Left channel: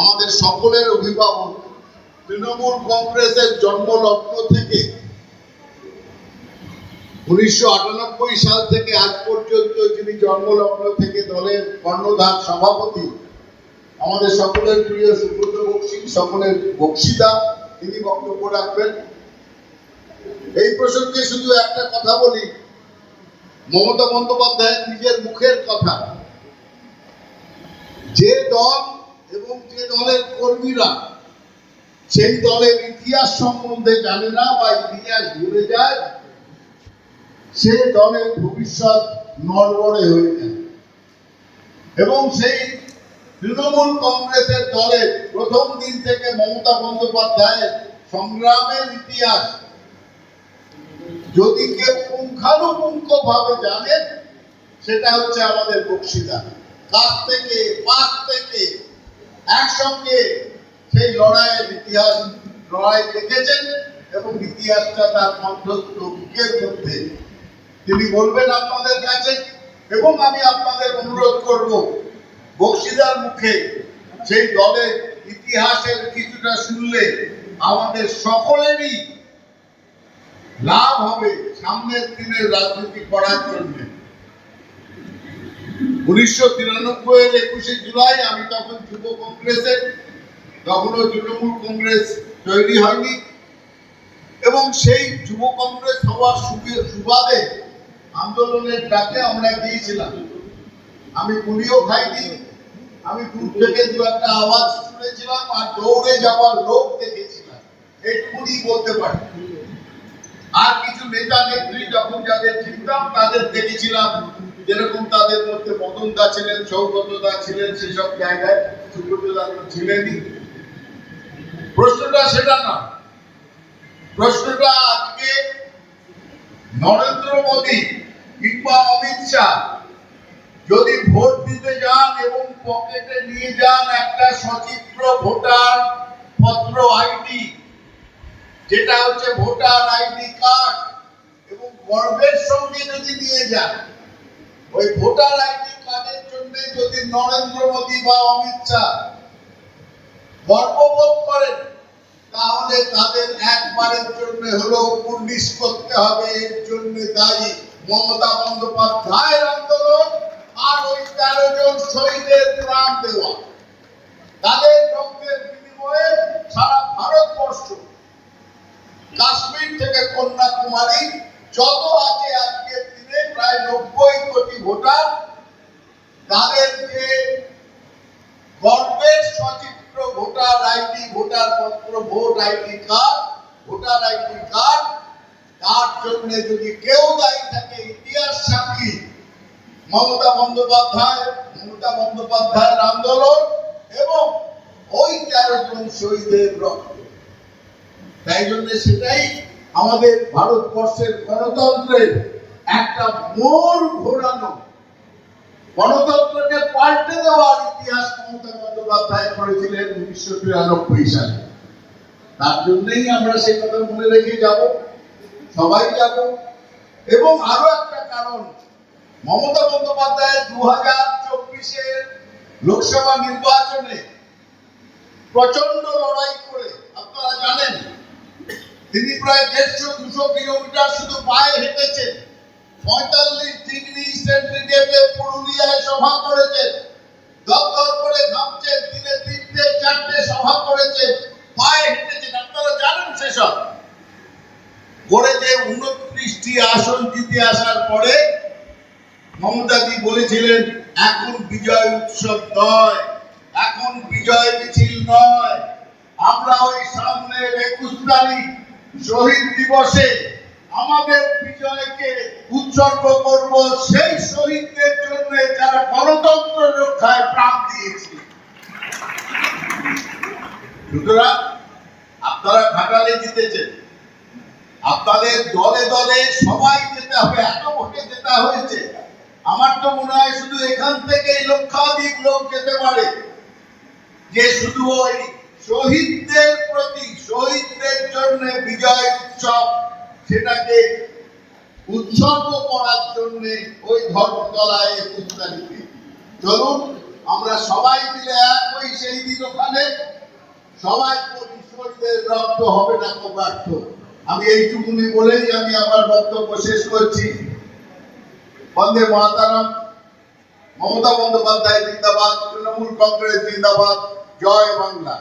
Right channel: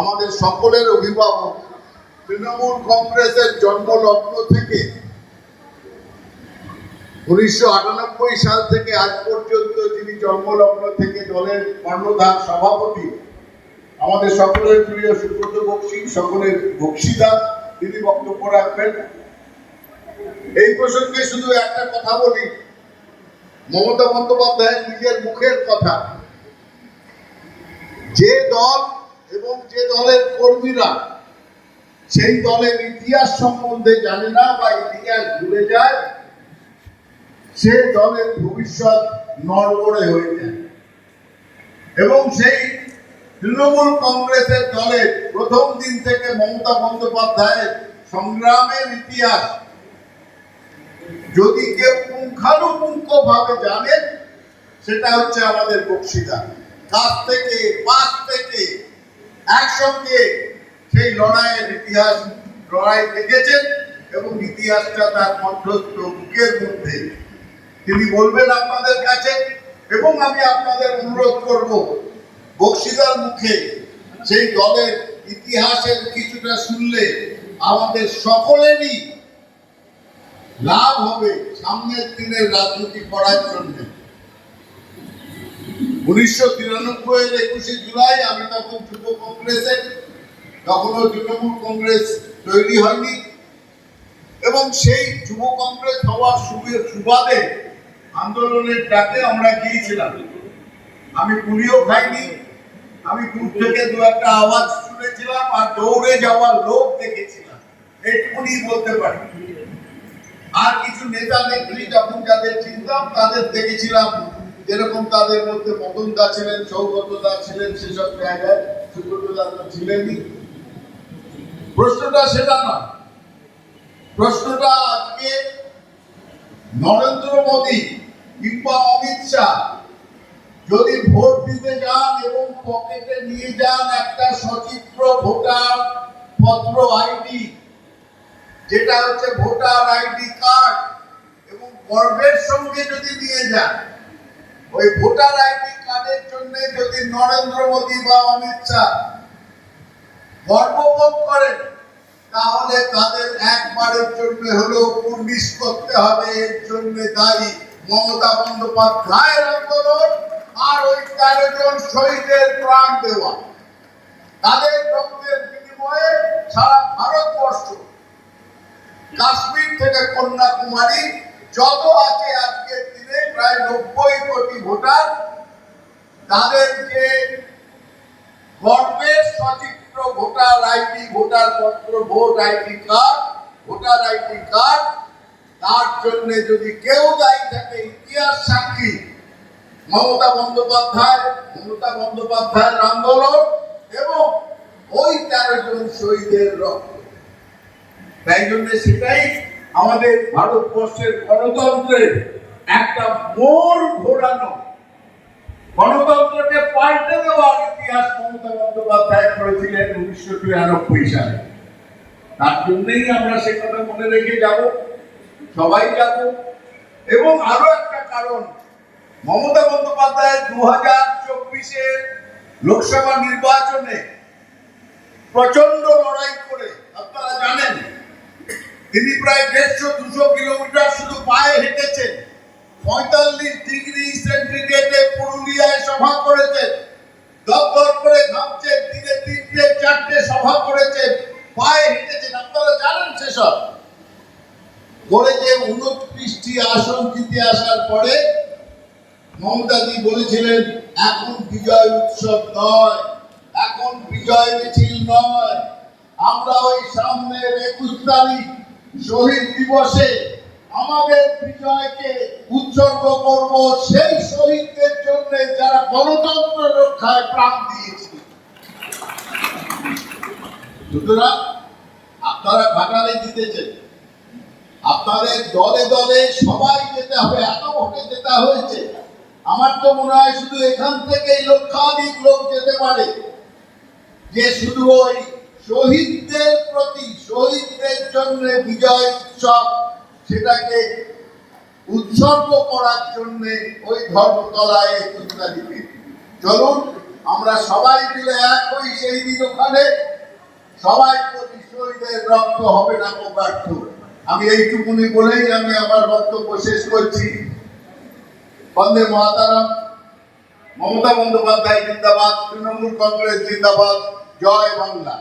আমাদের সকলের অভিভাবক, তৃণমূল কংগ্রেসের জন্মলগ্ন থেকে উনিশশো আটানব্বই সাল থেকে আজ পর্যন্ত যিনি জন্মলগ্ন থেকে দলের কর্ণধার সভাপতি, আমাদের সকলের প্রিয় সুব্রত বক্সি, সকলের বক্সিতা তিনি বক্তব্য রাখবেন। এই প্রসঙ্গে শুধু একটা কথা বলি, মমতা বন্দ্যোপাধ্যায় নিজের মুখের কথা। যে দল দলের কর্মীরা সেই দলের ইতিহাস সম্বন্ধে জানে না বা ইতিহাস ভুলে যায়, সে দলের ভবিষ্যৎ নড়বড়ে হয়ে যায়। এবং সেই তৃণমূল কংগ্রেসের দলের প্রথম দিন থেকে মমতা বন্দ্যোপাধ্যায়ের সংগ্রামের ইতিহাস যদি কেউ পুঙ্খানুপুঙ্খ ভাবে জানেন সেটা হচ্ছে আমাদের বক্সিতা কাছ থেকে, পাশ থেকে একসঙ্গে সেই লড়াইয়ের ইতিহাস লড়াই দেখেছেন এবং ইতিহাসটা তার কণ্ঠস্থ বুকের মধ্যে। তিনি বলবেন আপনাদের কাছে, এবং আমি আপনাদের অনুরোধ করব, বক্সিদার মুখে সেই দলের ইতিহাসের কিছুটা শুনলে আমাদের সকলেরই লাভ হবে সামনের দিনের রাজনীতি করার জন্য। উনিশশো তিরানব্বই এর একুশে জুলাই আমি তখন যুব কংগ্রেসে, তখনও তৃণমূল কংগ্রেস তৈরি হয়নি। এবং সেই যুব কংগ্রেস হওয়ার সুবি- সুবাদে আন্দোলনের ডাকে আমরা গিয়েছিলাম। আমি গুলিও খাইনি, আমি দূর থেকে দু একটা আওয়াজ শুনেছিলাম আর দৌড়ে যাওয়ার লোক দেখেছিলাম। এইটুকুনি বলতে পারি। আর কিছু নেতা নেত্রী যখন যাদের চিনতাম তাদের দেখেছিলাম যেরকম তাদের মধ্যে মদন দা ছিলেন সৌগত দা ছিলেন, সেসব জায়গায় সুব্রত দা তো ছিলেনই। প্রশ্নটা সেটা নয় প্রশ্নটা আজকে নরেন্দ্র মোদী কিংবা অমিত শাহ যদি ভোট দিতে যান এবং পকেটে নিয়ে যান একটা সচিত্র ভোটার পত্র আইডি, যেটা হচ্ছে ভোটার আইডি কার্ড, এবং গর্বের সঙ্গে যদি নিয়ে যান ওই ভোটার আইডি কার্ডের জন্য যদি নরেন্দ্র মোদী বা অমিত শাহ গর্ববোধ করেন, তাহলে তাদের একবারের জন্য হলেও পুর্নিশ করতে হবে। এর জন্য দায়ী মমতা বন্দ্যোপাধ্যায়ের আন্দোলন আর ওই তেরো জন শহীদের প্রাণ দেওয়া। তাদের রক্তের বিনিময়ে সারা ভারতবর্ষ, কাশ্মীর থেকে কন্যাকুমারী যত আছে আজকের দিনে প্রায় নব্বই কোটি ভোটার তাদের যে গর্বের সচিত্র ভোটার আইডি, ভোটার পত্র, vote ID card, voter ID card, তার জন্য যদি কেউ দায়ী থাকে ইতিহাস সাক্ষী, মমতা বন্দ্যোপাধ্যায়, মমতা বন্দ্যোপাধ্যায়ের আন্দোলন এবং ওই তেরো জন শহীদের রক্ত। তাই জন্য সেটাই আমাদের ভারতবর্ষের গণতন্ত্রের একটা মোড় ঘোরানো। গণতন্ত্রকে পাল্টে দেওয়ার ইতিহাস মমতা বন্দ্যোপাধ্যায় করেছিলেন উনিশশো তিরানব্বই সালে। তার জন্যই আমরা সে কথা মনে রেখে যাব, সবাই যাব। এবং আরও একটা কারণ, মমতা বন্দ্যোপাধ্যায় দু হাজার চব্বিশের লোকসভা নির্বাচনে প্রচণ্ড লড়াই করে, আপনারা জানেন তিনি প্রায় দেড়শো, দুশো কিলোমিটার শুধু পায়ে হেঁটেছেন। পঁয়তাল্লিশ ডিগ্রি সেন্টিগ্রেডে পুরুলিয়ায় সভা করেছেন। দপ্তর করে ঘামছেন, দিনে তিনটে, চারটে সভা করেছেন। পায়ে হেঁটেছেন। আপনারা জানেন সেসব? করে উনত্রিশটি আসন জিতে আসার পরে মমতাদি বলেছিলেন, এখন বিজয় উৎসব নয়। এখন বিজয় মিছিল নয়। আমরা ওই সামনের একুশ তারিখ শহীদ দিবসে আমাদের বিজয়কে উৎসর্গ করব সেই শহীদদের জন্য যারা গণতন্ত্র রক্ষায় প্রাণ দিয়েছে। সুতরাং আপনারা ঘাটালে জিতেছেন। আপনাদের দলে দলে সবাই যেতে হবে, এত ভোটে যেতে হয়েছে। আমার তো মনে হয় শুধু এখান থেকেই লক্ষাধিক লোক যেতে পারে। যে শুধু ওই শহীদদের প্রতি, শহীদদের জন্য বিজয় উৎসব, সেটাকে উৎসর্গ করার জন্য ওই ধর্মতলায় একুশ তারিখে চলুন, আমরা সবাই মিলে এক হই সেই দিন ওখানে সবাই প্রতি শহীদের রক্ত হবে না ব্যর্থ আমি এইটুকুনি বলেই আমি আমার বক্তব্য শেষ করছি। বন্দে মাতারাম। মমতা বন্দ্যোপাধ্যায় জিন্দাবাদ, তৃণমূল কংগ্রেস জিন্দাবাদ। জয় বাংলা।